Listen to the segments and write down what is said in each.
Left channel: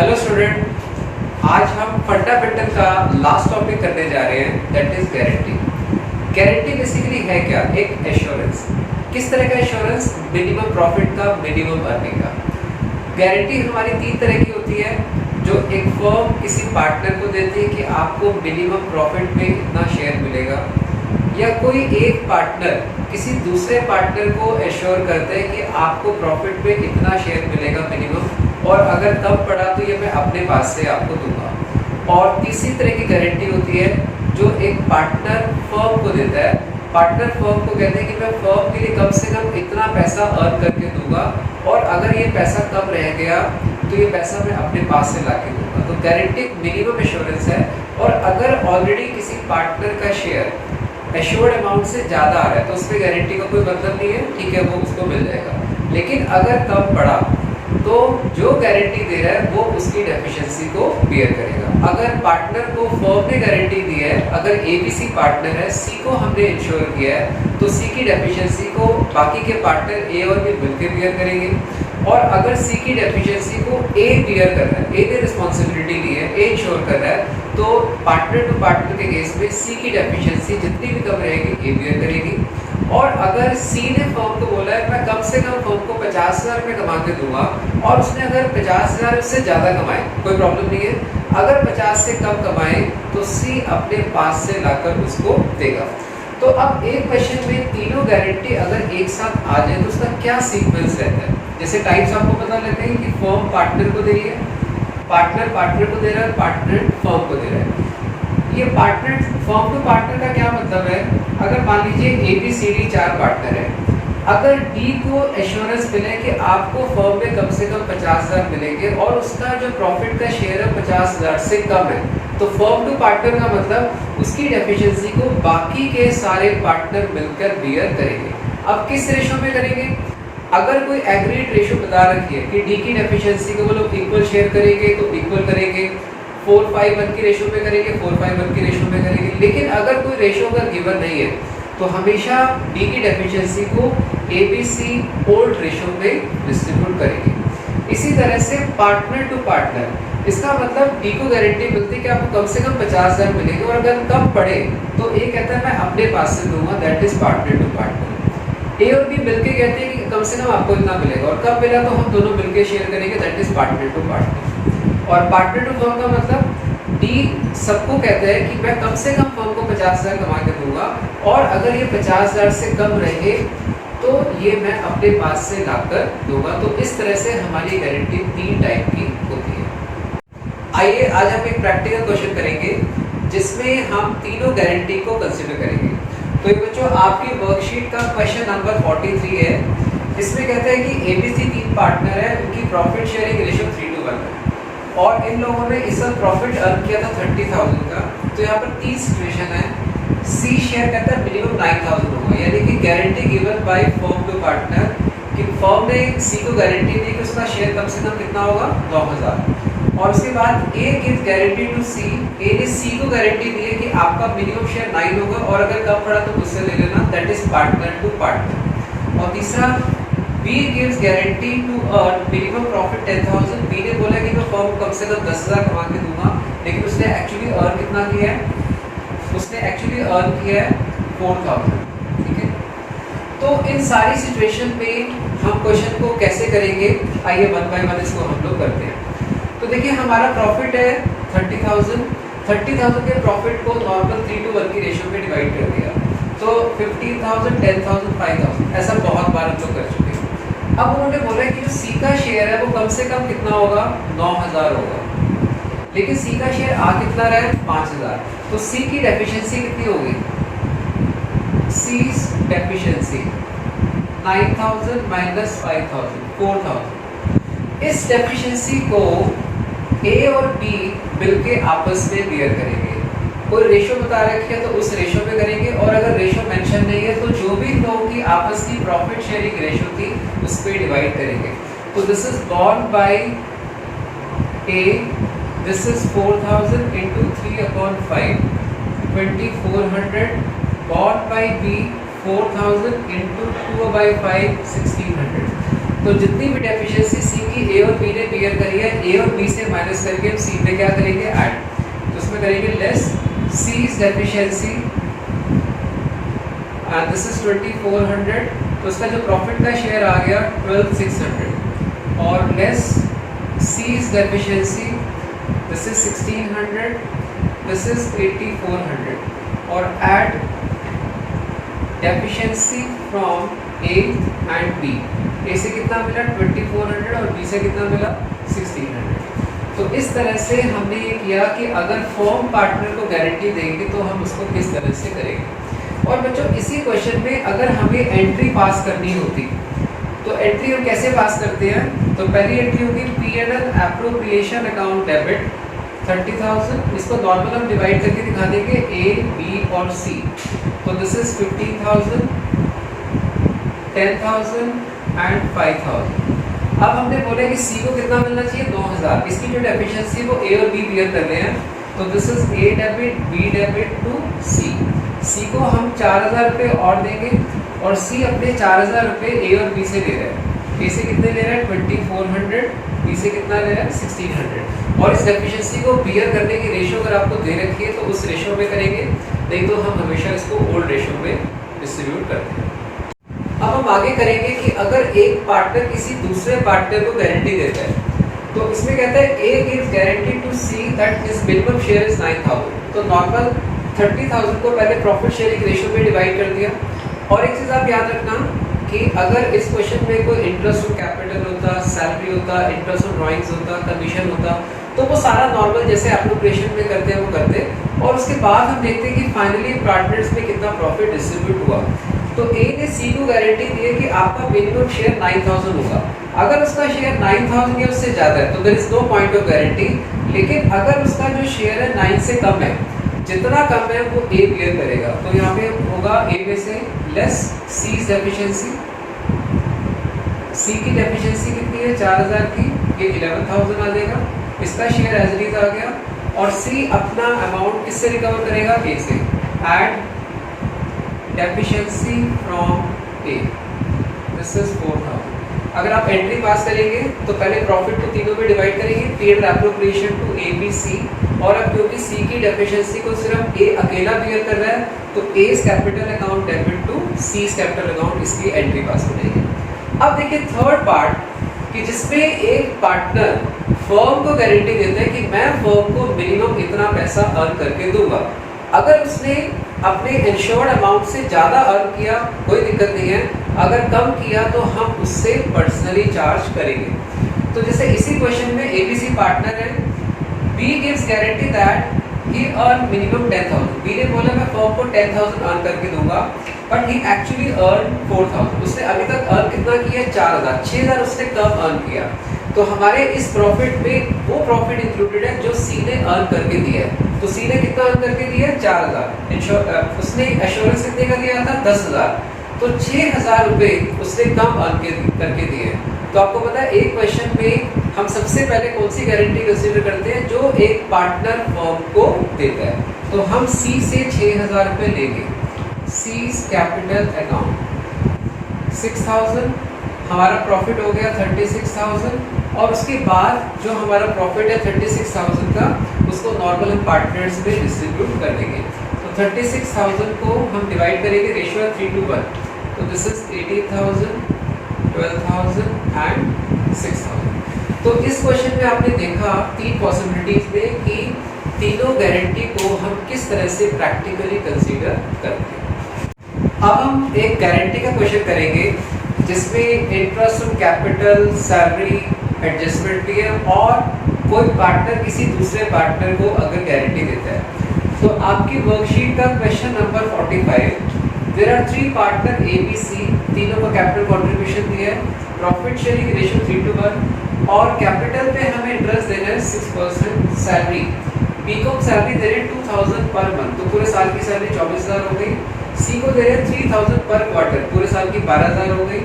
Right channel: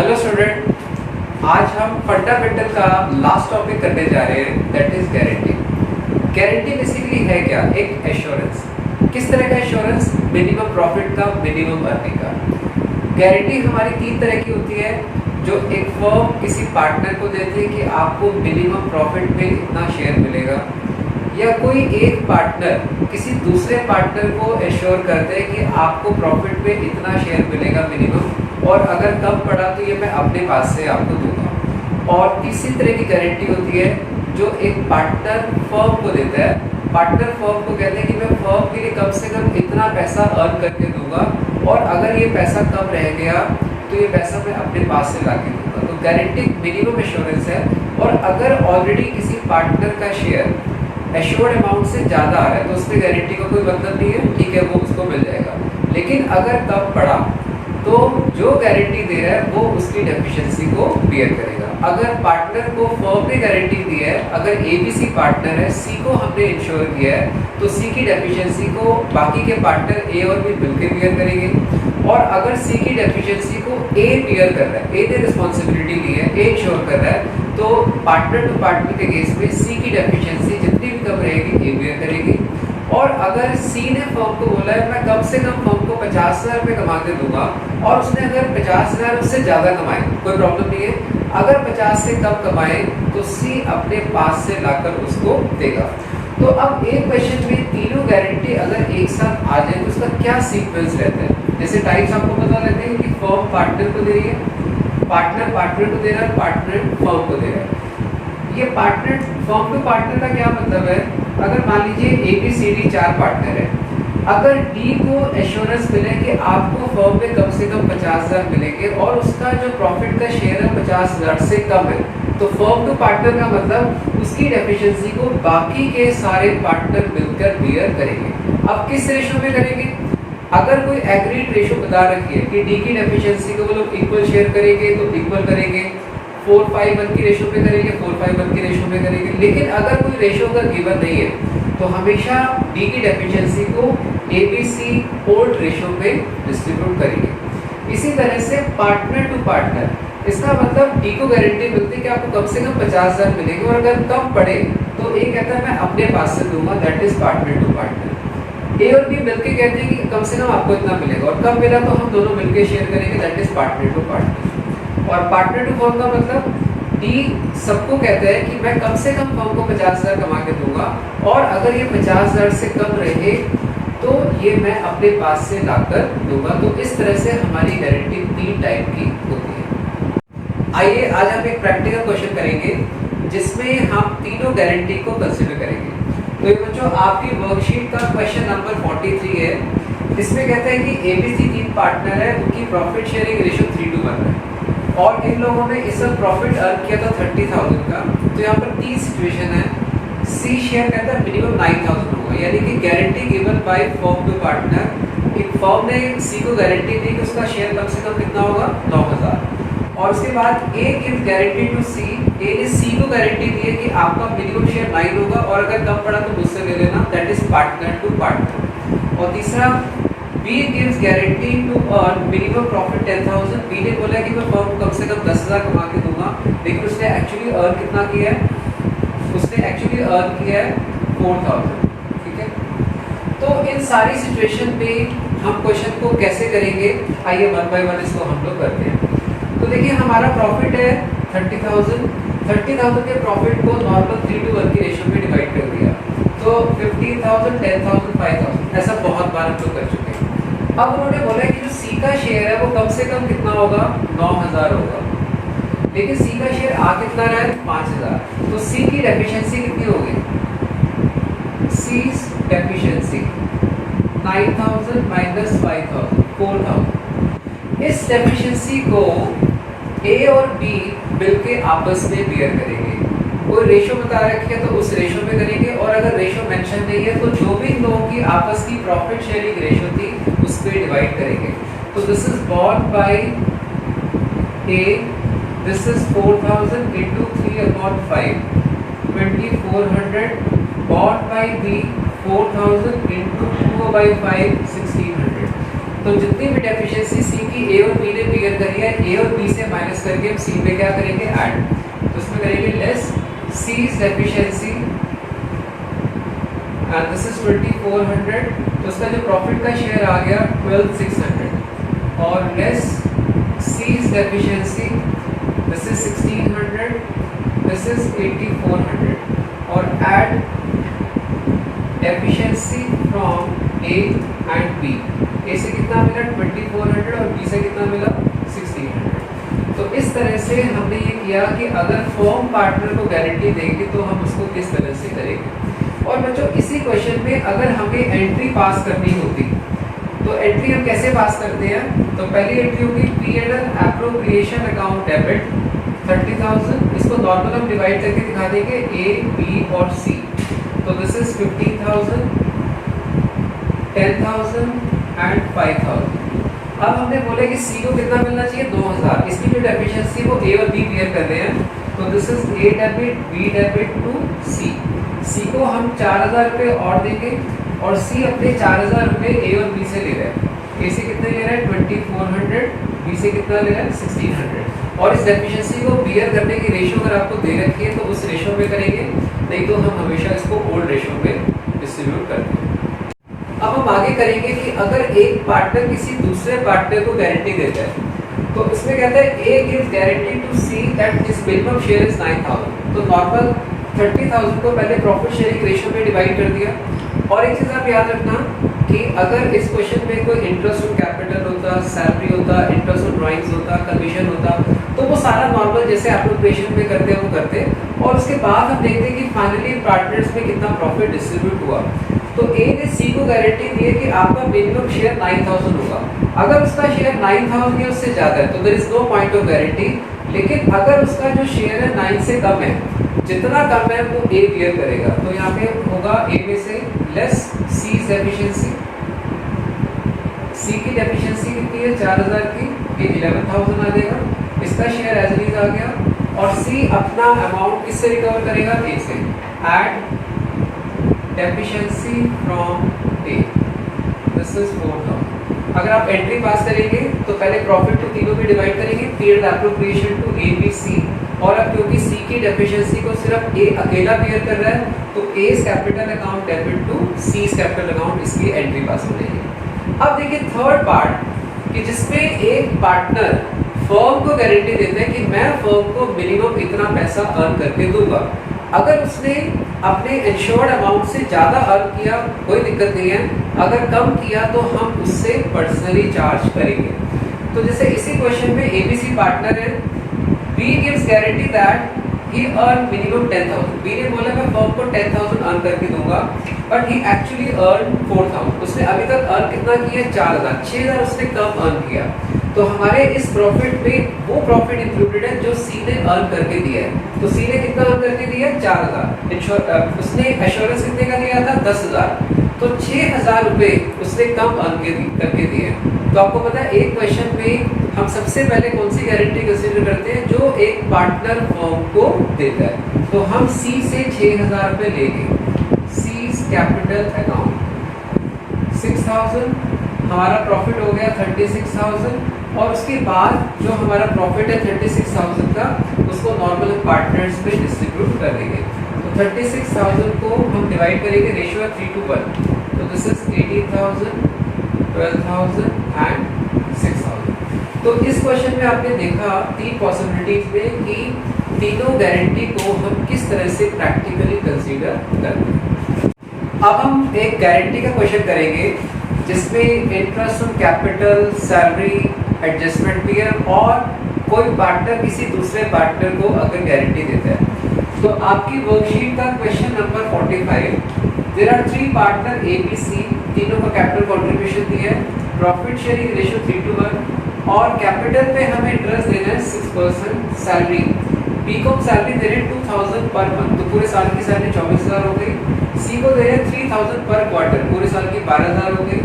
Hello student, आज हम fundamental का लास्ट टॉपिक करने जा रहे हैं, that is guarantee. Guarantee basically है क्या? एक एश्योरेंस। किस तरह का एश्योरेंस? मिनिमम प्रॉफिट का, मिनिमम अर्निंग का। गारंटी हमारी तीन तरह की होती है, जो एक फर्म किसी पार्टनर को देती है कि आपको मिनिमम प्रॉफिट में इतना शेयर मिलेगा, या कोई एक पार्टनर किसी दूसरे पार्टनर को एश्योर करते हैं कि आपको प्रॉफिट में इतना शेयर मिलेगा मिनिमम, और अगर कम पड़ा तो ये मैं अपने पास से आपको दूंगा। और तीसरी तरह की गारंटी होती है जो एक पार्टनर फर्म को देता है। पार्टनर फर्म को कहते हैं कि मैं फर्म के लिए कम से कम इतना पैसा अर्न करके दूंगा, और अगर ये पैसा कम रह गया तो ये पैसा मैं अपने पास से ला के दूंगा। तो गारंटी मिनिमम एश्योरेंस है। और अगर ऑलरेडी किसी पार्टनर का शेयर एश्योर्ड अमाउंट से ज़्यादा आ रहा है तो उसमें गारंटी का कोई मतलब नहीं है, ठीक है, वो उसको मिल जाएगा। लेकिन अगर कम पड़ा तो जो गारंटी दे रहा है वो उसकी डेफिशिएंसी को बियर करेगा। अगर पार्टनर को फर्म ने गारंटी दी है, अगर ABC पार्टनर है, C को हमने इंश्योर किया है, तो C की डेफिशिएंसी को बाकी के पार्टनर A और B मिलकर बियर करेंगे। और अगर C की डेफिशिएंसी को A बियर कर रहा है, A ने रिस्पॉन्सिबिलिटी ली है, A इंश्योर कर रहा है, तो पार्टनर टू पार्टनर के केस में C की डेफिशिएंसी जितनी भी कम रहेगी A बियर करेगी। और अगर C ने फर्म को बोला है मैं कम से कम फर्म को 50,000 रुपये कमा के दूंगा, और उसने अगर 50,000 उससे ज़्यादा कमाए कोई प्रॉब्लम नहीं है, अगर 50 से कम कमाए तो C अपने पास से लाकर उसको देगा। तो अब एक क्वेश्चन में तीनों गारंटी अगर एक साथ आ जाए तो उसका क्या सीक्वेंस रहता है? जैसे टाइप्स आपको पता लगता है कि फर्म पार्टनर को दे रही है, पार्टनर पार्टनर को दे रहा है, पार्टनर फर्म को दे रहा है। ये पार्टनर फर्म टू पार्टनर का क्या मतलब है? अगर मान लीजिए ABCD 4 पार्टनर है, अगर D को एश्योरेंस मिले कि आपको फर्म में कम से कम 50,000 मिलेंगे और उसका जो प्रॉफिट का शेयर है 50,000 से कम है, तो फर्म टू पार्टनर का मतलब उसकी डेफिशिएंसी को बाकी के सारे पार्टनर मिलकर बियर करेंगे। अब किस रेशो में करेंगे? अगर कोई एग्रीड रेशो बता रखी है कि D की डेफिशिएंसी को वो लोग इक्वल शेयर करेंगे तो इक्वल करेंगे, 4:5:1 की रेशो पे करेंगे, 4:5:1 की रेशो पे करेंगे। लेकिन अगर कोई रेशो अगर गिवन नहीं है तो हमेशा D की डेफिशिएंसी को ABC ओल्ड रेशो पे डिस्ट्रीब्यूट करेंगे। इसी तरह से पार्टनर टू पार्टनर, इसका मतलब D को गारंटी मिलती है कि आपको कम से कम 50,000 मिलेंगे, और अगर कम पड़े तो A कहता है मैं अपने पास से दूंगा, that is partner to partner. A और B मिलके कहते हैं कि कम से कम आपको इतना मिलेगा, और कम मिला तो हम दोनों मिलके शेयर करेंगे, that is partner to partner. और पार्टनर टू फर्म का मतलब D सबको कहता है कि मैं कम से कम फर्म को 50,000 कमा के दूंगा, और अगर ये 50,000 से कम रहे तो ये मैं अपने पास से लाकर दूंगा। तो इस तरह से हमारी गारंटी 3 टाइप की होती है। आइए आज हम एक प्रैक्टिकल क्वेश्चन करेंगे जिसमें हम तीनों गारंटी को कंसिडर करेंगे। तो ये बच्चों आपकी वर्कशीट का क्वेश्चन नंबर 43 है। इसमें कहता है कि ABC 3 पार्टनर है, उनकी प्रॉफिट शेयरिंग रेशियो 3:1 है, और इन लोगों ने इस साल प्रॉफिट अर्न किया था 30,000 का। तो यहाँ पर 3 सिचुएशन है। C शेयर कहता है मिनिमम 9,000 होगा, यानी कि guarantee given by firm to partner कि फर्म ने C को गारंटी दी कि उसका शेयर कम से कम कितना होगा, 9,000। और उसके बाद A gives guarantee to C, A ने C को गारंटी दी है कि आपका मिनिमम शेयर 9 होगा, और अगर कम पड़ा तो मुझसे ले लेना, that is partner to partner. और तीसरा B gives guarantee to earn minimum profit 10,000। B ने बोला कि मैं फर्म को कम से कम 10,000 कमा के दूंगा, लेकिन उसने एक्चुअली अर्न कितना किया है? उसने एक्चुअली अर्न किया है 4,000। ठीक है, तो इन सारी सिचुएशन पे हम क्वेश्चन को कैसे करेंगे? आइए 1 by 1 इसको हम लोग करते हैं। तो देखिए हमारा प्रॉफिट है 30,000। 30,000 के प्रॉफिट को नॉर्मल 3:1 की रेशो में डिवाइड कर दिया, तो 15,000, 10,000, 5,000, ऐसा बहुत बार हम लोग कर चुके हैं। अब उन्होंने बोला है कि जो C का शेयर है वो कम से कम कितना होगा, 9,000 होगा, लेकिन C का शेयर आ कितना रहा है, 5,000। तो C की डेफिशिएंसी कितनी होगी? C's deficiency 9,000 minus 5,000, 4,000। इस डेफिशिएंसी को A और B मिलके आपस में बियर करेंगे। कोई रेशो बता रखे है तो उस रेशो पे करेंगे, और अगर रेशो मेंशन नहीं है तो जो भी लोगों की आपस की प्रॉफिट शेयरिंग रेशो थी उस पे डिवाइड करेंगे। तो this is borne by A, this is 4,000 into 3/5, 2,400, borne by B 4,000 into 2/5, 1,600। तो जितनी भी डेफिशिएंसी सी की ए और बी ने फिगर करी है, ए और बी से माइनस करके हम सी पे क्या करेंगे, ऐड। तो उसमें करेंगे less C's deficiency and this is 2400, तो उसका जो प्रॉफिट का शेयर आ गया 12600 और less C's deficiency this is 1600, this is 8400 और add deficiency from A and B. A से कितना मिला 2400 और बी से कितना मिला 1600। तो इस तरह से हमने ये किया कि अगर फर्म पार्टनर को गारंटी देंगे तो हम उसको किस तरह से करेंगे। और बच्चों इसी क्वेश्चन में अगर हमें एंट्री पास करनी होती तो एंट्री हम कैसे पास करते हैं, तो पहली एंट्री होगी P&L एप्रोप्रिएशन अकाउंट डेबिट 30,000, इसको नॉर्मल हम डिवाइड करके दिखा देंगे ए बी और सी। तो दिस इज 15,000, 10,000 एंड 5,000। अब हमने बोला कि सी को कितना मिलना चाहिए 9,000, इसकी जो डेफिशिएंसी वो ए और बी क्लियर कर रहे हैं। तो this is A debit B debit to C. C को हम 4,000 रुपये और देंगे और सी अपने 4,000 रुपये ए और बी से ले रहा है। ए से कितने ले रहा है 2400, बी से कितना ले रहा है 1600। और इस डेफिशिएंसी को बियर करने की रेशियो अगर आपको दे रखी है तो उस रेशियो में करेंगे, नहीं तो हम हमेशा इसको ओल्ड रेशियो में डिस्ट्रीब्यूट करते हैं। अब हम आगे करेंगे कि अगर एक पार्टनर किसी दूसरे पार्टनर को गारंटी देता है तो इसमें कहता है A gives guarantee to C that his minimum share is 9,000। तो नॉर्मल 30,000 को पहले प्रॉफिट शेयरिंग रेशियो में डिवाइड कर दिया। और एक चीज़ आप याद रखना कि अगर इस क्वेश्चन में कोई इंटरेस्ट ऑन कैपिटल होता, सैलरी होता, इंटरेस्ट ऑन ड्राइंग्स होता, कमीशन होता, तो वो सारा नॉर्मल जैसे एप्रोप्रिएशन में करते हैं वो करते। और उसके बाद हम देखते हैं कि फाइनली पार्टनर्स में कितना प्रॉफिट डिस्ट्रीब्यूट हुआ। तो ए ने सी को गारंटी दी है कि आपका मिनिमम शेयर 9,000 होगा। अगर उसका शेयर 9,000 या उससे ज़्यादा है तो there is no point of guarantee. लेकिन अगर उसका जो शेयर है 9 से कम है, जितना कम है वो ए क्लियर करेगा। तो यहाँ पे होगा ए में से लेस सी डेफिशिएंसी। सी की डेफिशिएंसी कितनी है 4,000 की, ये 11,000 आ जाएगा, इसका शेयर एज इट आ गया। और सी अपना अमाउंट किससे रिकवर करेगा, ए से। Add deficiency from A, this is 4,000। अगर आप एंट्री पास करेंगे तो पहले प्रॉफिट को तीनों में डिवाइड करेंगे, P&L appropriation to A B C. और अब क्योंकि सी की डेफिशिएंसी को सिर्फ ए अकेला बियर कर रहा है तो A's capital account debit to C's capital account, इसकी एंट्री पास हो जाएगी। अब देखिए थर्ड पार्ट कि जिसमें एक पार्टनर फर्म को गारंटी देता है कि मैं फर्म को मिनिमम इतना पैसा अर्न करके दूंगा। अगर उसने अपने इंश्योर्ड अमाउंट से ज़्यादा अर्न किया कोई दिक्कत नहीं है, अगर कम किया तो हम उससे पर्सनली चार्ज करेंगे। तो जैसे इसी क्वेश्चन में एबीसी पार्टनर है, B gives guarantee that he earn minimum 10,000। B ने बोला मैं फर्म को 10,000 अर्न करके दूंगा, बट ही एक्चुअली अर्न 4,000। उसने अभी तक अर्न कितना किया 4,000, 6,000 उसने कम अर्न किया। तो हमारे इस प्रॉफिट में वो प्रॉफिट इंक्लूडेड है जो सी ने अर्न करके दिया है। तो सी ने कितना अर्न करके दिया 4,000, उसने एश्योरेंस कितने का दिया था 10,000, तो 6,000 रुपये उसने कम अर्न करके दिए। तो आपको पता है एक क्वेश्चन में हम सबसे पहले कौन सी गारंटी कंसीडर करते हैं, जो एक पार्टनर फर्म को देता है। तो हम सी से 6,000 रुपये लेंगे, सीज कैपिटल अकाउंट 6,000, हमारा प्रॉफिट हो गया 36,000। और उसके बाद जो हमारा प्रॉफिट है 36,000 का, उसको नॉर्मल हम पार्टनर्स में डिस्ट्रीब्यूट कर देंगे। तो 36,000 को हम डिवाइड करेंगे, रेशियो है 3:1। तो दिस इज 18,000, 12,000 एंड 6,000। तो इस क्वेश्चन में आपने देखा तीन पॉसिबिलिटीज में कि तीनों गारंटी को हम किस तरह से प्रैक्टिकली कंसीडर करते हैं। अब हम एक गारंटी का क्वेश्चन करेंगे जिसमें interest on capital, salary, adjustment भी है और कोई पार्टनर किसी दूसरे पार्टनर को अगर गारंटी देता है। तो आपकी वर्कशीट का question number 45, there are 3 partner A B C, तीनों का कैपिटल कंट्रीब्यूशन दिया है, प्रॉफिट शेयरिंग रेशियो 3:1 और कैपिटल पे हमें इंटरेस्ट देना है 6%, सैलरी बी को सैलरी दे रहे हैं 2,000 पर मंथ, तो पूरे साल की सैलरी 24,000 हो गई। सी को दे रहे हैं 3,000 पर क्वार्टर, पूरे साल की 12,000 हो गई।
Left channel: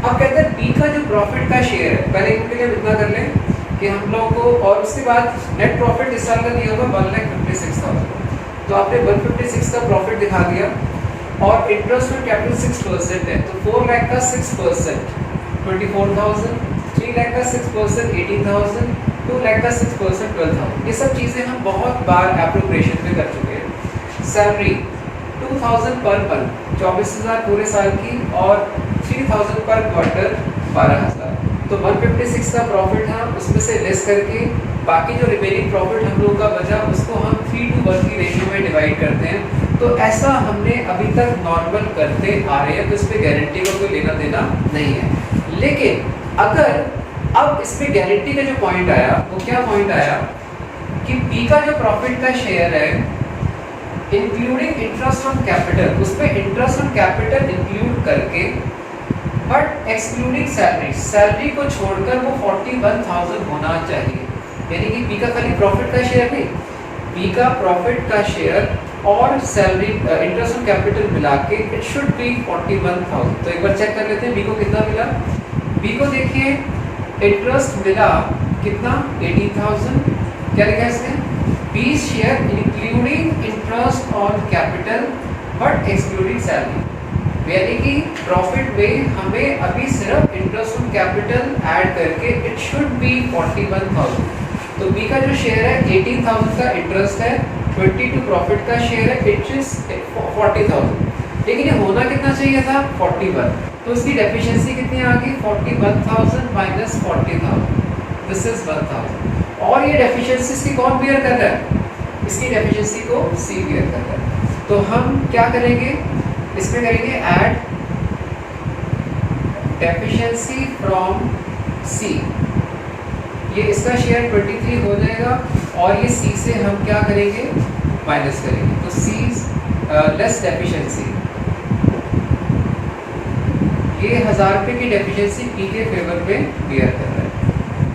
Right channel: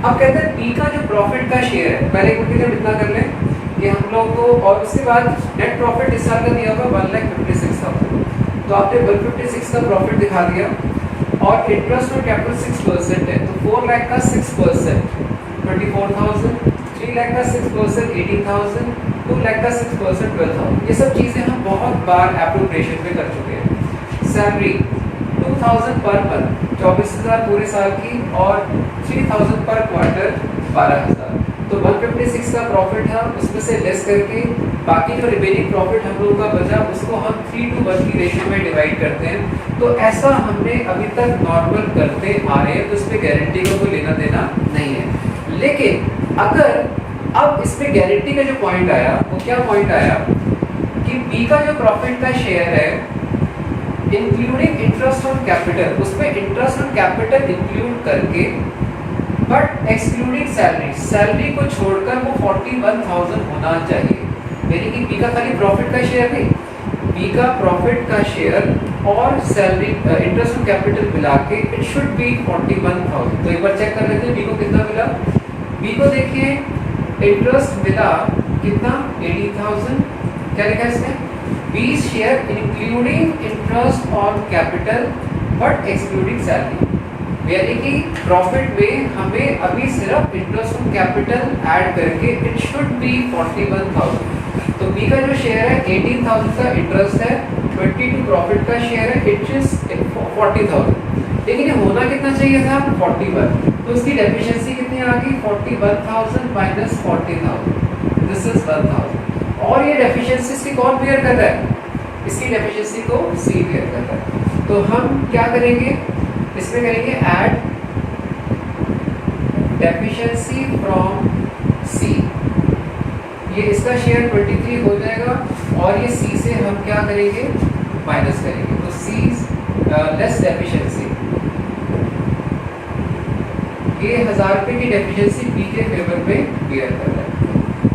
अब कहते हैं बी का जो प्रॉफिट का शेयर है, पहले हम इतना कर लें कि हम लोग को, और उसके बाद नेट प्रॉफिट इस साल का दिया होगा 1,56,000। तो आपने 156 का प्रॉफिट दिखा दिया और इंटरेस्ट और कैपिटल 6% है, तो 4 लाख का 6%, 24,000, 3 लाख का 6% 18,000, 2 लाख का 6% 12,000। ये सब चीज़ें हम बहुत बार एप्रोप्रिएशन में कर चुके हैं। सैलरी 2,000 पर मंथ, 24,000 पूरे साल की, और 3,000 पर क्वार्टर 12,000। तो 156 का प्रॉफिट था, उसमें से लेस करके बाकी जो रिमेनिंग प्रॉफिट हम लोगों का बचा उसको हम 3:1 की रेशियो में डिवाइड करते हैं। तो ऐसा हमने अभी तक नॉर्मल करते आ रहे हैं, तो इसमें गारंटी का कोई लेना देना नहीं है। लेकिन अगर अब इसमें गारंटी का जो पॉइंट आया, वो क्या पॉइंट आया कि बी का जो प्रॉफिट का शेयर है इंक्लूडिंग इंटरेस्ट ऑन कैपिटल, उसमें इंटरेस्ट ऑन कैपिटल इंक्लूड करके बट एक्सक्लूडिंग सैलरी, सैलरी को छोड़कर वो 41,000 होना चाहिए। यानी कि बी का खाली प्रॉफिट का शेयर नहीं, बी का प्रॉफिट का शेयर और सैलरी इंटरेस्ट ऑन कैपिटल मिला के इट शुड बी 41,000। तो एक बार चेक कर लेते हैं बी को कितना मिला। बी को देखिए इंटरेस्ट मिला कितना 80,000, क्या लिखा है इसमें, B share including interest on capital but excluding salary. यानी कि प्रॉफिट में हमें अभी सिर्फ इंटरेस्ट ऑन कैपिटल ऐड करके इट शुड बी 41,000। तो बी का जो शेयर है 18,000 का इंटरेस्ट है, 22 प्रॉफिट का शेयर है, इट इज 40,000। लेकिन ये होना कितना चाहिए था 41, तो इसकी डेफिशिएंसी कितनी आ गई 41,000 माइनस 40,000, दिस इज 1,000। और ये डेफिशिएंसी इसकी कौन बियर कर रहा है, इसकी डेफिशिएंसी को सी बियर कर रहा है। तो हम क्या करेंगे, इसमें करेंगे ऐड डेफिशिएंसी फ्रॉम सी, ये इसका शेयर 23 हो जाएगा और ये सी से हम क्या करेंगे माइनस करेंगे। तो सी लेस डेफिशिएंसी, ये 1000 रुपये की डेफिशिएंसी बी के फेवर में बियर कर रहा है।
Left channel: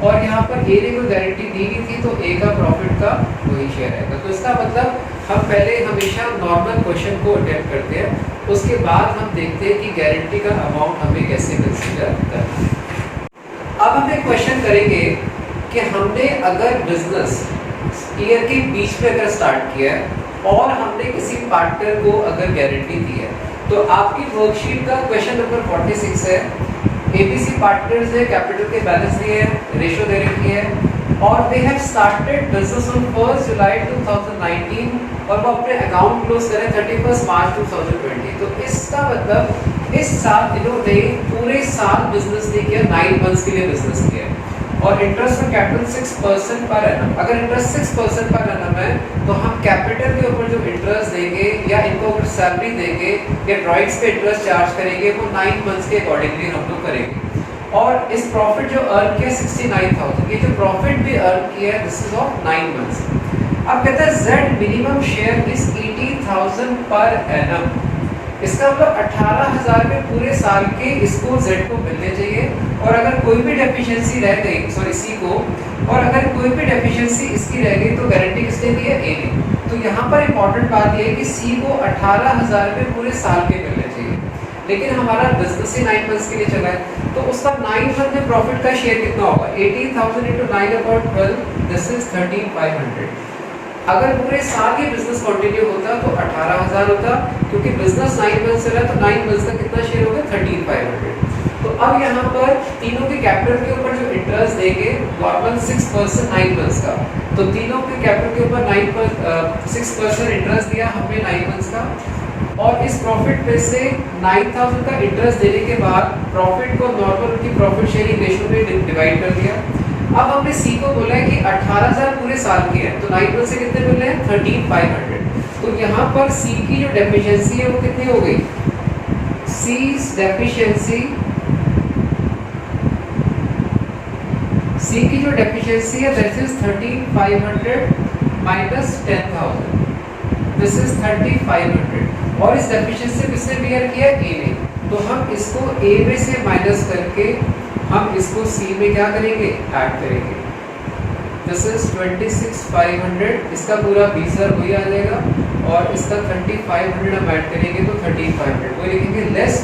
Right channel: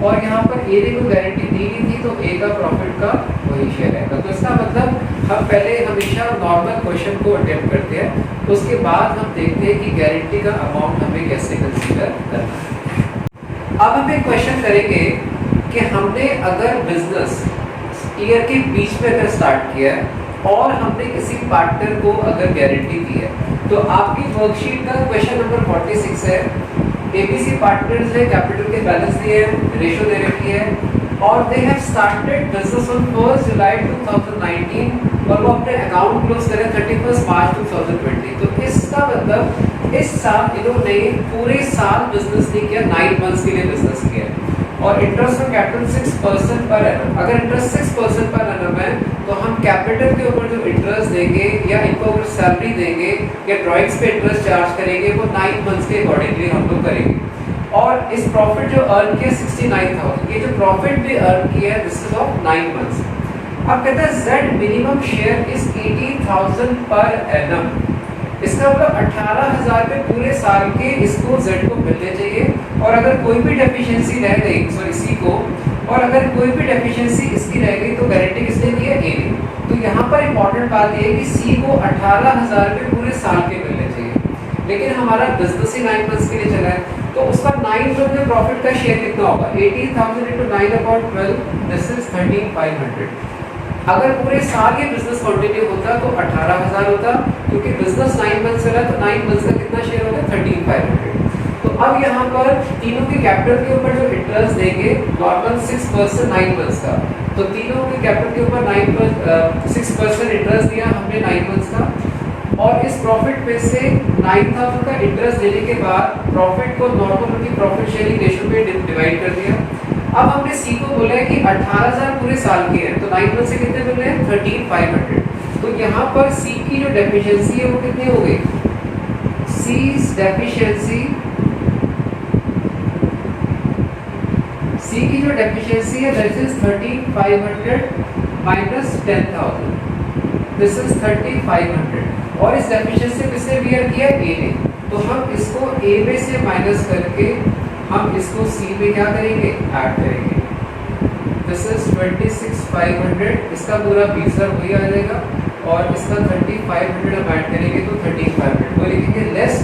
और यहाँ पर ए ने को गारंटी दी गई थी तो ए का प्रॉफिट का वही शेयर रहेगा। तो इसका मतलब हम पहले हमेशा नॉर्मल क्वेश्चन को अटेम्प्ट करते हैं, उसके बाद हम देखते हैं कि गारंटी का अमाउंट हमें कैसे कंसीडर करना है। अब हम एक क्वेश्चन करेंगे कि हमने अगर बिजनेस ईयर के बीच में अगर स्टार्ट किया है और हमने किसी पार्टनर को अगर गारंटी दी है, तो आपकी वर्कशीट का क्वेश्चन नंबर 46 है। एबीसी पार्टनर्स ने कैपिटल के बैलेंस दिए हैं, रेशियो दे रखी है और they have started business on 1 जुलाई 2019 और वो अपने अकाउंट क्लोज करें 31 मार्च 2020। तो इसका मतलब इस साल इन्होंने पूरे साल बिजनेस नहीं किया, 9 मंथ्स के लिए बिजनेस किया और interest on capital 6% per annum. अगर इंटरेस्ट 6% पर एनम है तो हम कैपिटल के ऊपर जो इंटरेस्ट देंगे या इनको अगर सैलरी देंगे या ड्रॉइंग्स पे इंटरेस्ट चार्ज करेंगे वो 9 मंथ्स के अकॉर्डिंगली हम लोग करेंगे। और इस प्रॉफिट जो अर्न किया 69,000, ये जो प्रॉफिट भी अर्न किया है दिस इज ऑफ 9 मंथ्स। अब कहता है Z minimum share is 80,000 per annum, इसका मतलब 18,000 रुपये पूरे साल के इसको जेड को मिलने चाहिए। और अगर कोई भी डेफिशिएंसी रह गई, सॉरी सी को, और अगर कोई भी डेफिशिएंसी इसकी रह गई तो गारंटी किसने दी है, ए ने। तो यहाँ पर इंपॉर्टेंट बात यह है कि सी को 18,000 रुपये पूरे साल के मिलने चाहिए, लेकिन हमारा बिजनेस ही 9 मंथ्स के लिए चला है तो उसका 9 मंथ में प्रॉफिट का शेयर कितना होगा 18,000 इंटू 9/12, दिस इज 13,500। अगर पूरे साल ये बिजनेस कंटिन्यू होता तो 18,000 होता, क्योंकि बिजनेस 9 मंथ से रहा तो 9 मंथ का कितना शेयर होगा 13,500। तो अब यहाँ पर तीनों के कैपिटल के ऊपर जो इंटरेस्ट देंगे नॉर्मल 6% 9 मंथ्स का, तो तीनों के कैपिटल के ऊपर 6% इंटरेस्ट दिया हमने 9 मंथ्स का और इस प्रॉफिट पे से 9,000 का इंटरेस्ट देने के बाद प्रॉफिट को नॉर्मल उनकी प्रॉफिट शेयरिंग रेशियो में डिवाइड कर दिया। अब हमने सी को बोला है कि 18,000 पूरे साल के हैं तो 9 मंथ से कितने मिल रहे हैं 13,500। तो यहाँ पर सी की जो डेफिशिएंसी है वो कितनी हो गई, सी की जो डेफिशिएंसी है that is 13,500 minus 10,000, this is 3,500 और इस डेफिशिएंसी किसने बियर किया, ए ने। तो हम इसको ए में से माइनस करके हम इसको सी में क्या करेंगे ऐड करेंगे, दिस इज 26,500, इसका पूरा 20,000 वही आ जाएगा और इसका 3,500 हम ऐड करेंगे तो 13,500 वो लिखेंगे लेस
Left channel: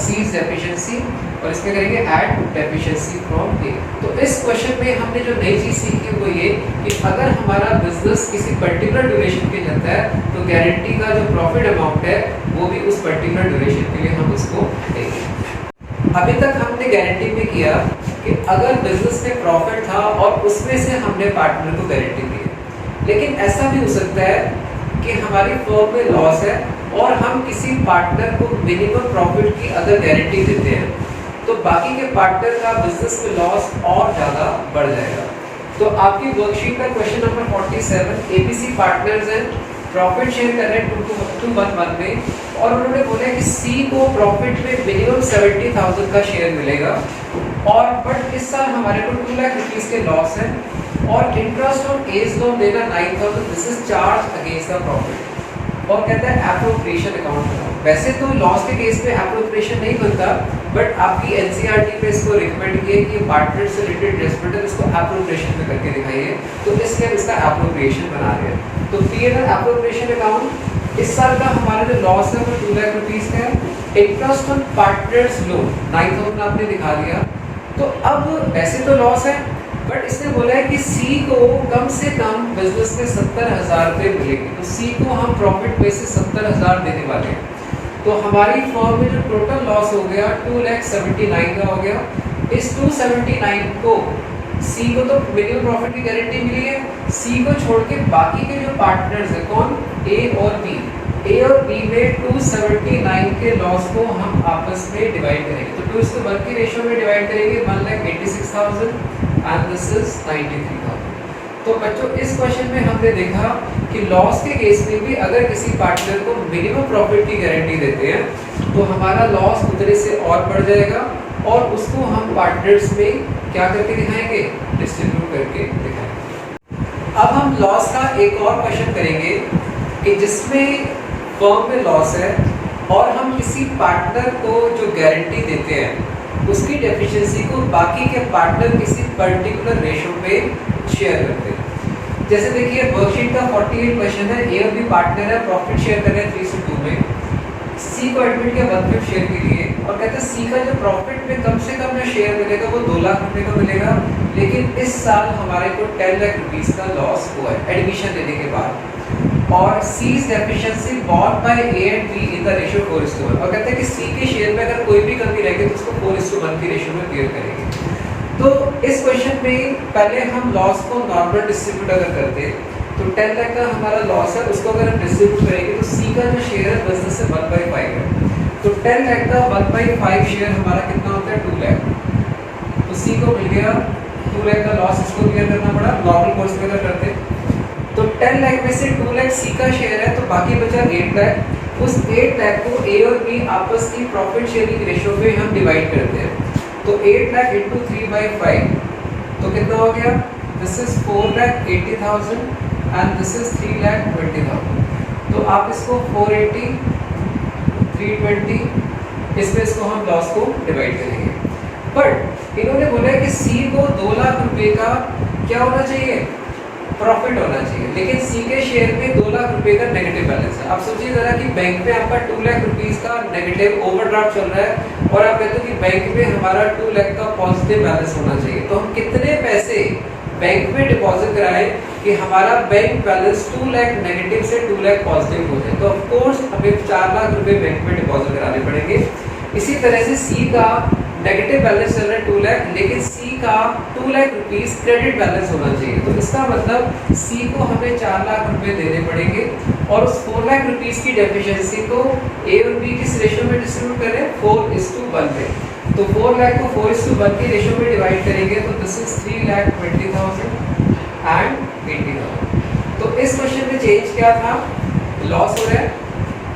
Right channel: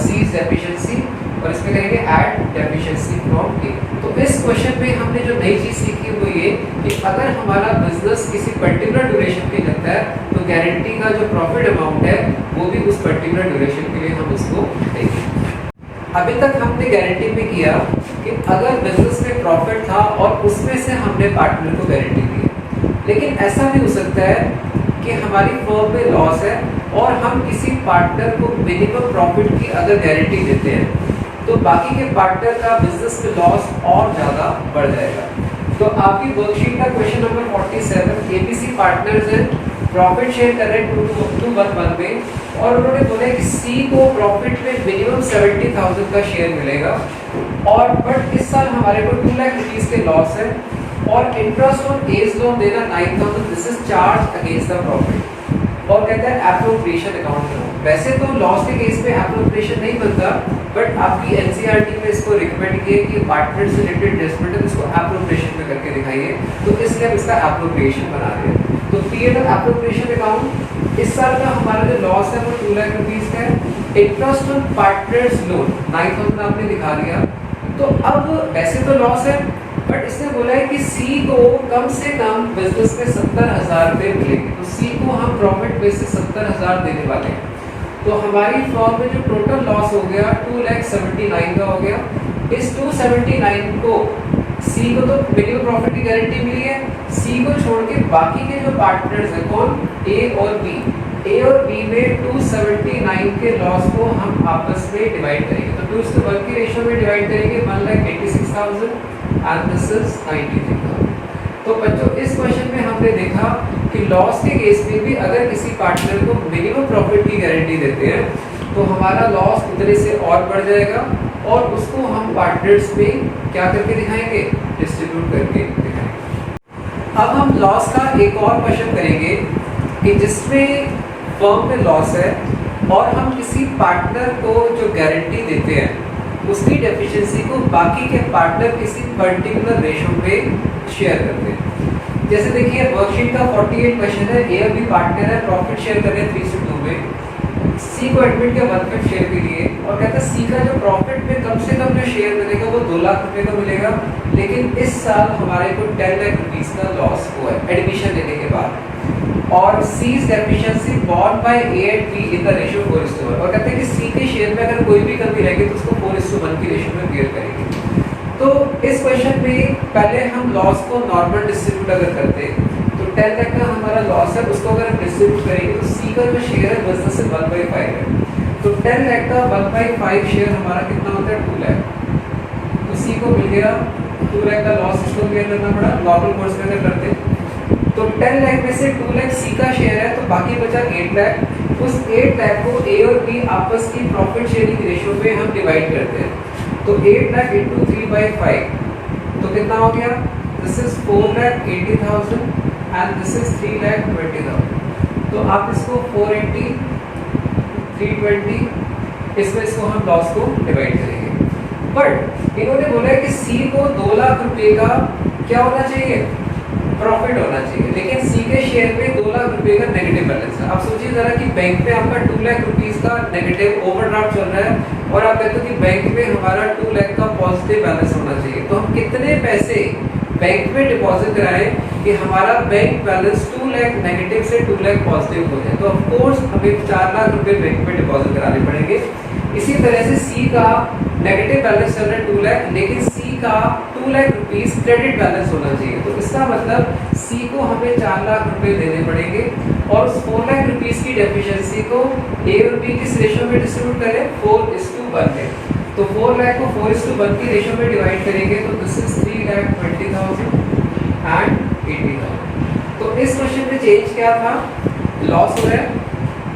सी डेफिशिएंसी और इसमें करेंगे ऐड डेफिशिएंसी फ्रॉम ए। तो इस क्वेश्चन में हमने जो नई चीज सीखी वो ये कि अगर हमारा बिजनेस किसी पर्टिकुलर ड्यूरेशन के चलता है तो गारंटी का जो प्रॉफिट अमाउंट है वो भी उस पर्टिकुलर ड्यूरेशन के लिए हम उसको देंगे। अभी तक हमने गारंटी में किया कि अगर बिजनेस में प्रॉफिट था और उसमें से हमने पार्टनर को गारंटी दी है, लेकिन ऐसा भी हो सकता है कि हमारी फर्म में लॉस है और हम किसी पार्टनर को मिनिमम प्रॉफिट की अगर गारंटी देते हैं तो बाकी के पार्टनर का बिजनेस में लॉस और ज़्यादा बढ़ जाएगा। तो आपकी वर्कशीट का क्वेश्चन नंबर 47 एबीसी पार्टनर्स हैं, प्रॉफिट शेयर कर रहे हैं 2:1 में और उन्होंने बोला कि सी को प्रॉफिट में मिनिमम 70,000 का शेयर मिलेगा और बट इस साल हमारे को 2 लाख रुपीज़ के लॉस है और इंटरेस्ट ऑन एज लोन देना 9,000, this is charge against the profit और कहता है एप्रोप्रिएशन अकाउंट बनाओ। वैसे तो लॉस के केस में एप्रोप्रिएशन नहीं बनता, बट आपकी एनसीईआरटी में इसको रिकमेंड किया कि पार्टनर से रिलेटेड एडजस्टमेंट है इसको एप्रोप्रिएशन में करके दिखाइए, तो इसलिए हम इसका एप्रोप्रिएशन बना रहे हैं। तो पीएनएल एप्रोप्रिएशन अकाउंट इस साल का हमारा जो लॉस है वो 2 लाख रुपीज़ का है। इंटरेस्ट ऑन पार्टनर्स लोन 9,000 आपने दिखा दिया। तो अब वैसे तो लॉस है बट इसने बोला है कि सी को कम से कम बिजनेस में 70,000 रुपये मिलेंगे, तो सी को हम प्रॉफिट में से 70,000 देने वाले हैं। तो हमारी फर्म में जो टोटल लॉस हो गया 2,79,000 का हो गया। इस 279 को सी को तो मिनिमम प्रॉफिट की गारंटी मिली है, सी को छोड़ के बाकी के जो पार्टनर्स है कौन, ए और बी, ए और बी में 279 के लॉस को हम आपस में डिवाइड करेंगे। तो 2:1 के रेशियो में डिवाइड करेंगे 1,86,000 एंड दिस इज 93,000। तो बच्चों इस क्वेश्चन में हमने देखा कि लॉस के केस में भी अगर किसी पार्टनर को मिनिमम प्रॉफिट की गारंटी देते हैं तो हमारा लॉस उतने से और बढ़ जाएगा और उसको हम पार्टनर्स में क्या करके दिखाएंगे, डिस्ट्रीब्यूट करके दिखाएंगे। अब हम लॉस का एक और क्वेश्चन करेंगे कि जिसमें फर्म में लॉस है और हम किसी पार्टनर को जो गारंटी देते हैं उसकी डेफिशिएंसी को बाकी के पार्टनर किसी पर्टिकुलर रेशो पे शेयर करते हैं। जैसे देखिए वर्कशीट का 48 क्वेश्चन है, ए और बी पार्टनर है, प्रॉफिट शेयर कर रहे हैं 3:2 में, सी को एडमिट के 1/5 शेयर भी दिए और कहता है सी का जो प्रॉफिट में कम से कम जो शेयर मिलेगा वो 2 लाख रुपए का मिलेगा, लेकिन इस साल हमारे को 10 लाख रुपीज़ का लॉस हुआ है एडमिशन लेने के बाद और C's deficiency borne by A and B in the ratio 4:1 और कहते हैं कि C के शेयर में अगर कोई भी कमी रहेगी तो उसको 4:1 की रेशियो में बेयर करेंगे। तो इस क्वेश्चन में पहले हम लॉस को नॉर्मल डिस्ट्रीब्यूट अगर करते तो 10 लाख का हमारा लॉस है, उसको अगर हम डिस्ट्रीब्यूट करेंगे तो C का जो शेयर है बिजनेस से 1/5 है, तो 10 लाख का 1/5 शेयर हमारा कितना होता है 2 लाख। तो C को मिल गया 2 लाख का लॉस, इसको बेयर करना पड़ा नॉर्मल कोर्स में अगर करते तो 10 लाख में से 2 लाख सी का शेयर है तो बाकी बचा 8 लाख। उस 8 लाख को ए और बी आपस की प्रॉफिट शेयरिंग रेशियो में हम डिवाइड करते हैं। तो 8 लाख इंटू 3/5 तो कितना हो गया, this is 4,80,000 and this is 3,20,000। तो आप इसको 480 320 इसमें इसको हम लॉस को डिवाइड करेंगे। बट इन्होंने बोला है कि सी को 2 लाख रुपए का क्या होना चाहिए, प्रॉफिट होना चाहिए, लेकिन सी के शेयर में 2 लाख रुपए का नेगेटिव बैलेंस है। आप सोचिए जरा कि बैंक में आपका 2 लाख रुपीस का नेगेटिव ओवरड्राफ्ट चल रहा है और आप कहते हो कि बैंक में हमारा 2 लाख का पॉजिटिव बैलेंस होना चाहिए, तो हम कितने पैसे बैंक में डिपॉजिट कराएं कि हमारा बैंक बैलेंस 2 लाख नेगेटिव से 2 लाख पॉजिटिव हो जाए। तो ऑफ कोर्स हमें 4 लाख रुपए बैंक में डिपॉजिट कराने पड़ेंगे। इसी तरह से सी का नेगेटिव बैलेंस चल रहा है 2 लाख, लेकिन सी का 2 लाख रुपीस क्रेडिट बैलेंस होना चाहिए, तो इसका मतलब सी को हमें 4 लाख रुपए देने पड़ेंगे और उस 4 लाख रुपीस की डेफिशिएंसी को ए और बी किस रेशियो में डिस्ट्रीब्यूट करें, 4:1 में। तो 4 लाख को 4:1 की रेशियो में डिवाइड करेंगे तो दिस इज 3,20,000 एंड 80,000। तो इस क्वेश्चन में चेंज क्या था, लॉस हो रहा है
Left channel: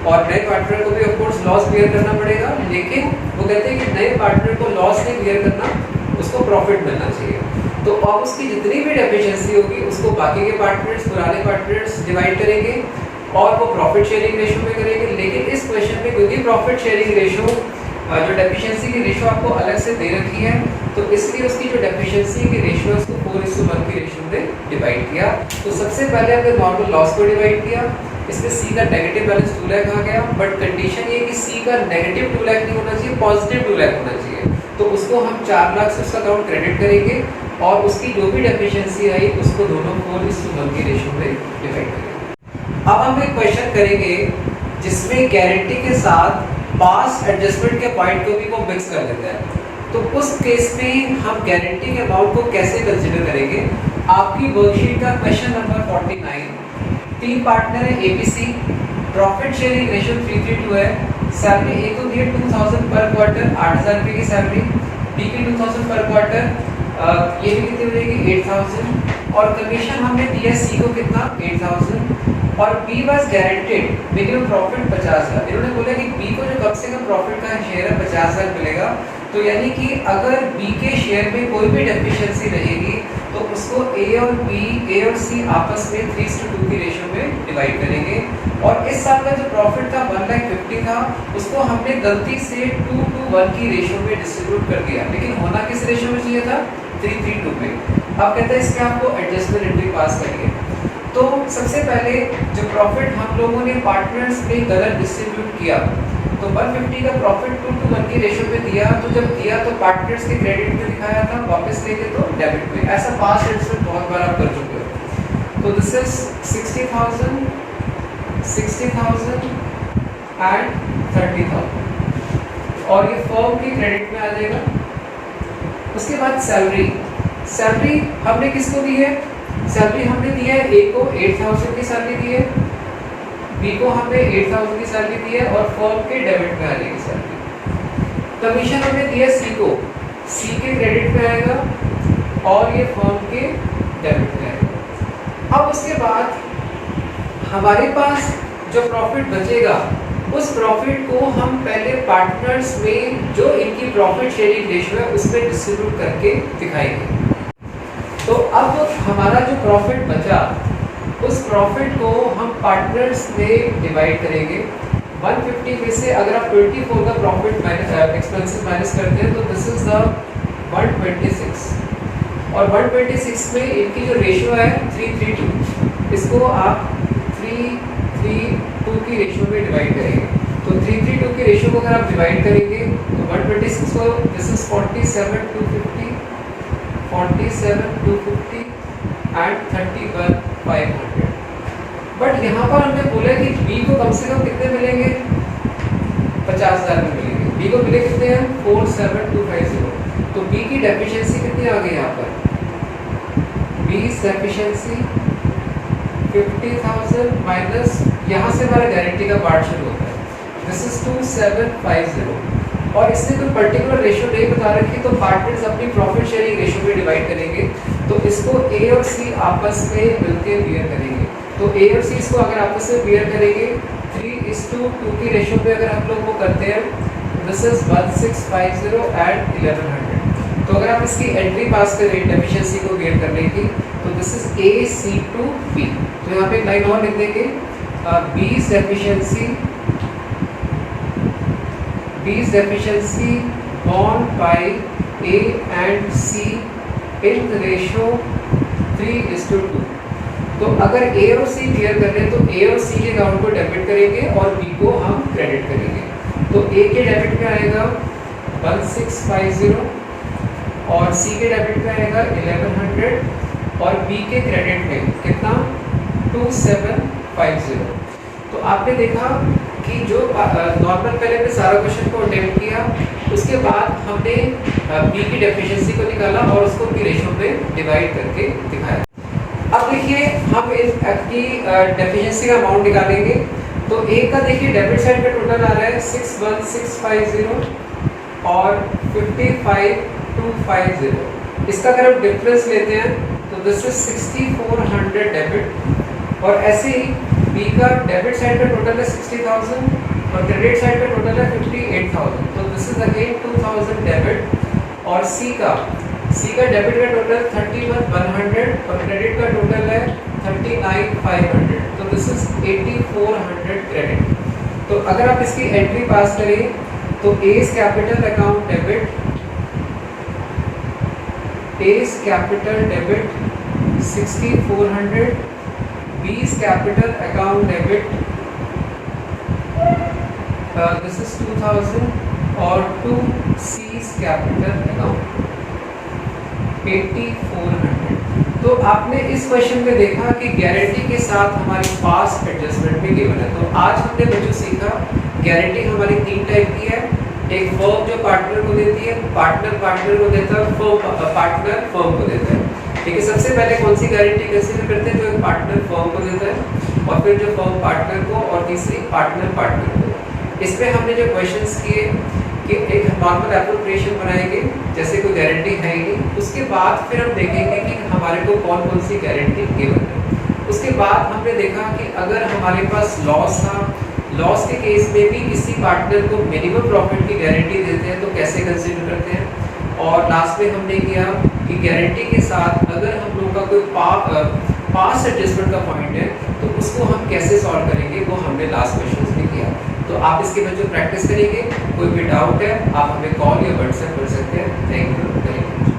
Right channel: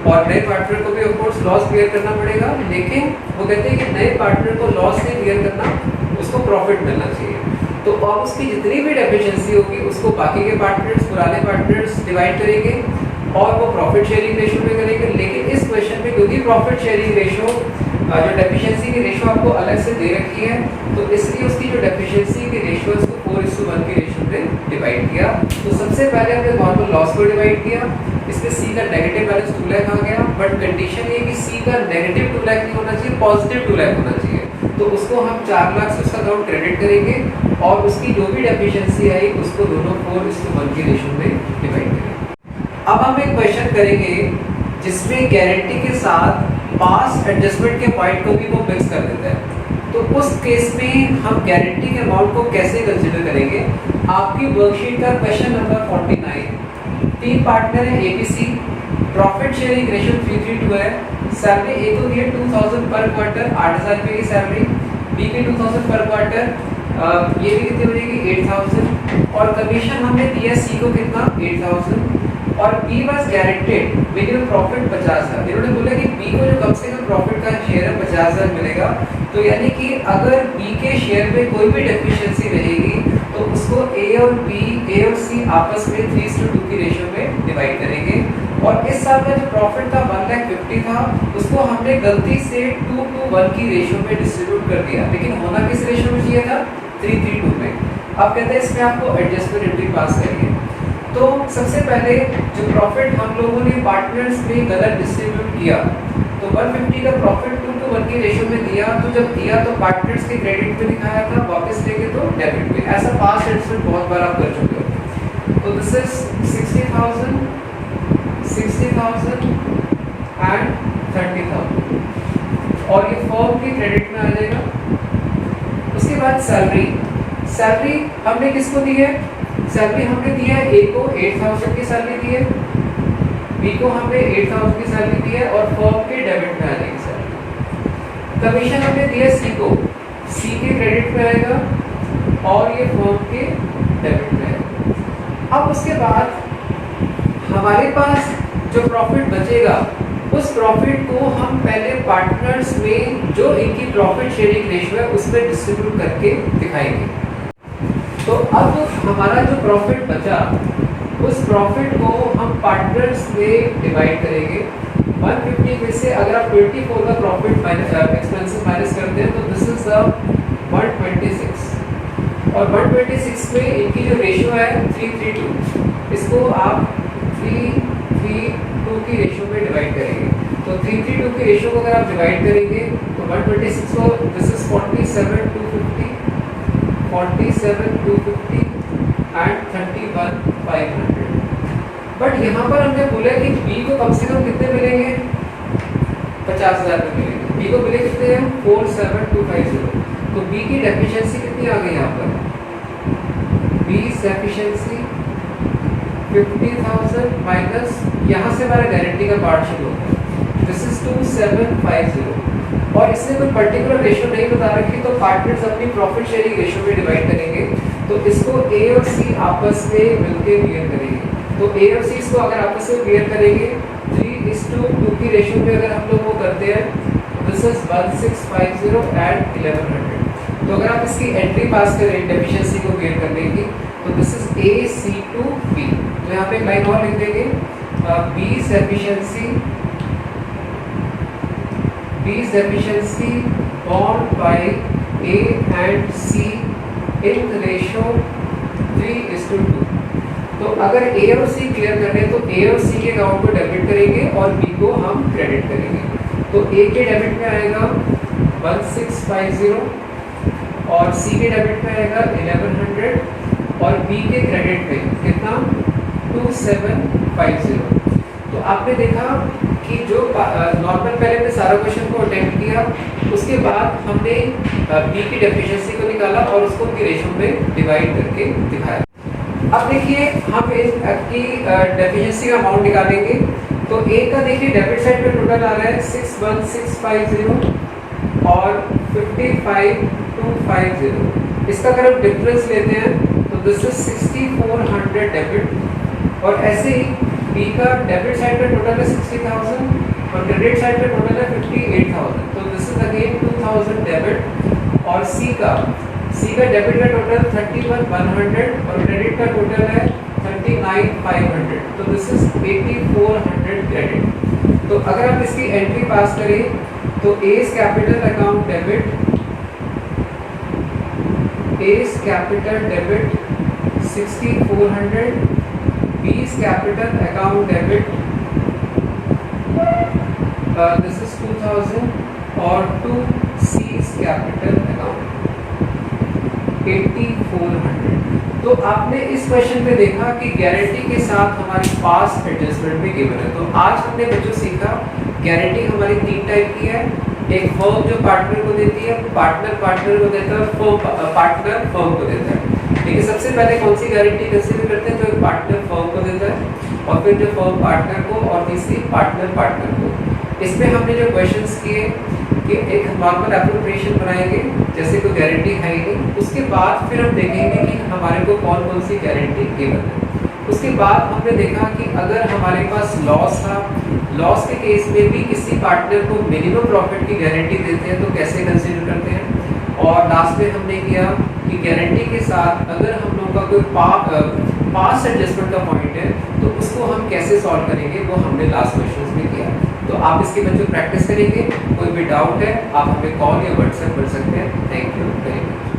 और नए पार्टनर को भी ऑफ कोर्स लॉस बियर करना पड़ेगा, लेकिन वो कहते हैं कि नए पार्टनर को लॉस नहीं बियर करना, उसको प्रॉफिट मिलना चाहिए। तो अब उसकी जितनी भी डेफिशिएंसी होगी उसको बाकी के पार्टनर्स, पुराने पार्टनर्स डिवाइड करेंगे और वो प्रॉफिट शेयरिंग रेशियो में करेंगे। लेकिन इस क्वेश्चन में क्योंकि प्रॉफिट शेयरिंग रेशियो जो डेफिशिएंसी की रेशियो आपको अलग से दे रखी है, तो इसलिए उसकी जो डेफिशिएंसी की रेशियो है उसको 4:1 की रेशियो में डिवाइड किया। तो सबसे पहले हमने नॉर्मल लॉस को डिवाइड किया, इसमें सी का नेगेटिव बैलेंस 2 लाख आ गया, बट कंडीशन ये कि सी का नेगेटिव 2 लाख नहीं होना चाहिए, पॉजिटिव 2 लाख होना चाहिए। तो उसको हम 4 लाख से उसका अकाउंट क्रेडिट करेंगे और उसकी जो भी डेफिशिएंसी आई उसको दोनों 4:1 की रेशियो में डिवाइड करेंगे। अब हम एक क्वेश्चन करेंगे जिसमें गारंटी के साथ पास एडजस्टमेंट के पॉइंट को भी वो मिक्स कर देता है। तो उस केस में हम गारंटी के अमाउंट को कैसे कंसिडर करेंगे? आपकी वर्कशीट का क्वेश्चन नंबर 49, 3 पार्टनर है एबीसी, प्रॉफिट शेयरिंग रेशियो 3:2 है, सैलरी ए को दी है 2000 पर क्वार्टर, 8000 रुपये की सैलरी, बी की 2000 पर क्वार्टर, ये भी कितनी बनेगी 8000, और कमीशन हमने दिया सी को कितना 8000, और B was guaranteed minimum profit 50,000। इन्होंने बोला कि बी को जो कम से कम प्रॉफिट का शेयर है 50,000 मिलेगा। तो यानी कि अगर बी के शेयर में कोई भी डेफिशिएंसी रहेगी तो उसको ए और सी आपस में 3:2 की रेशियो में डिवाइड करेंगे। और इस साल का जो प्रॉफिट था 1,50,000 था, उसको हमने गलती से 2:1 की रेशियो में डिस्ट्रीब्यूट कर दिया, लेकिन होना किस रेशियो में चाहिए था 3:2 में। अब कहते हैं इसमें आपको एडजस्टमेंट एंट्री पास करिए। तो सबसे पहले जो प्रॉफिट हम लोगों ने पार्टनर्स में गलत डिस्ट्रीब्यूट किया, तो 150 का प्रॉफिट 2:1 की रेशियो में दिया, तो जब दिया तो पार्टनर्स के क्रेडिट में दिखाया था, वापस लेके तो डेबिट में। ऐसा पास्ट एडजस्टमेंट बहुत बार आप कर चुके हो। तो दिस इज 60,000 एंड 30,000, और ये फर्म के क्रेडिट में आ जाएगा। उसके बाद सैलरी हमने किसको दी है? सैलरी हमने दी है ए को 8,000 की सैलरी दी है, बी को हमने 8,000 की सैलरी दी है, और फर्म के डेबिट में आ जाएगी सैलरी। कमीशन हमने दिया सी को, सी के क्रेडिट में आएगा, और ये फर्म के डेबिट में आएगा। अब उसके बाद हमारे पास जो प्रॉफिट बचेगा, उस प्रॉफिट को हम पहले पार्टनर्स में जो इनकी प्रॉफिट शेयरिंग रेशियो है उसमें डिस्ट्रीब्यूट करके दिखाएंगे। तो अब हमारा जो प्रॉफिट बचा, उस प्रॉफिट को हम पार्टनर्स में डिवाइड करेंगे। 150 में से अगर आप 24 का प्रॉफिट एक्सपेंसेस माइनस करते हैं तो दिस इज द 126, और 126 में इनकी जो रेशियो है 3:2, इसको आप 3:2 की रेशियो में डिवाइड करेंगे। तो 3:2 की रेशियो को अगर आप डिवाइड करेंगे तो 126 को दिस इज 47,250 एंड 31,500। बट यहाँ पर हमने बोला कि बी को कम से कम कितने मिलेंगे? 50,000 में मिलेंगे। बी को मिले कितने हैं? 47,250। तो बी की डेफिशिएंसी कितनी आ गई यहाँ पर? बी डेफिशिएंसी 50,000 माइनस, यहाँ से हमारा गारंटी का पार्ट शुरू होता है, दिस इज 2750। और इसने कोई पर्टिकुलर रेशियो नहीं बता रखी, तो पार्टनर्स अपनी प्रॉफिट शेयरिंग रेशियो में डिवाइड करेंगे। तो इसको ए और सी आपस में मिलकर क्लियर करेंगे। तो ए और सी इसको अगर आपस में क्लियर करेंगे 3:2 की रेशियो में अगर हम लोग वो करते हैं, दिस इज 1650 एंड 1100। तो अगर आप इसकी एंट्री पास करें डेफिशिएंसी को क्लियर करने की, तो this is A C to B. तो यहाँ पे एक लाइन और लिख देंगे, B's deficiency borne by A and C in the ratio 3:2। तो अगर A और C क्लियर कर रहे हैं तो A और C के अकाउंट को डेबिट करेंगे और B को हम क्रेडिट करेंगे। तो A के डेबिट में आएगा 1650, और C के डेबिट में आएगा 1100, और B के क्रेडिट में कितना 2750। तो आपने देखा कि जो नॉर्मल पहले हमने सारा क्वेश्चन को अटेम्प्ट किया, उसके बाद हमने बी की डेफिशिएंसी को निकाला और उसको की रेशियो में डिवाइड करके दिखाया। अब देखिए हम इसकी डेफिशिएंसी का अमाउंट निकालेंगे। तो ए का देखिए डेबिट साइड पे टोटल आ रहा है 61,650 और 55,250। इसका अगर हम डिफरेंस लेते हैं तो दिस इज 6,400 डेबिट, और ऐसे ही बी का डेबिट साइड पे टोटल है 60,000 और क्रेडिट साइड पे टोटल है 58,000। तो दिस इज अगेन 2,000 डेबिट, और सी का डेबिट का टोटल 31,100 और क्रेडिट का टोटल है 39,500। तो दिस इज 8,400 क्रेडिट। तो अगर आप इसकी एंट्री पास करें तो A's capital account debit, A's capital debit 6,400, B's capital account debit this is 2,000, और to C's capital account 8,400। तो आपने इस क्वेश्चन में देखा कि गारंटी के साथ हमारी पास्ट एडजस्टमेंट भी गिवन है। तो आज हमने बच्चों सीखा गारंटी हमारी 3 टाइप की है। एक फर्म जो पार्टनर को देती है, पार्टनर पार्टनर को देता है, फर्म पार्टनर फर्म को देता है। ठीक है, सबसे पहले कौन सी गारंटी कंसीडर करते हैं? जो एक पार्टनर फर्म को देता है, और फिर जो फर्म पार्टनर को, और तीसरी पार्टनर पार्टनर को। इसमें हमने जो क्वेश्चंस किए कि एक नॉर्मल एप्रोप्रिएशन बनाएंगे जैसे कोई गारंटी है ही नहीं, उसके बाद फिर हम देखेंगे कि हमारे को कौन कौन सी गारंटी गिवन है। उसके बाद हमने देखा कि अगर हमारे पास लॉस था, लॉस के केस में भी किसी पार्टनर को मिनिमम प्रॉफिट की गारंटी देते हैं तो कैसे कंसीडर करते हैं। और लास्ट में हमने किया कि गारंटी के साथ अगर हम लोगों का कोई पास्ट एडजस्टमेंट का पॉइंट है तो उसको हम कैसे सॉल्व करेंगे, वो हमने लास्ट क्वेश्चन में किया। तो आप इसके बच्चों प्रैक्टिस करेंगे। कोई भी डाउट है आप हमें कॉल या व्हाट्सएप कर सकते हैं। Thank you very much.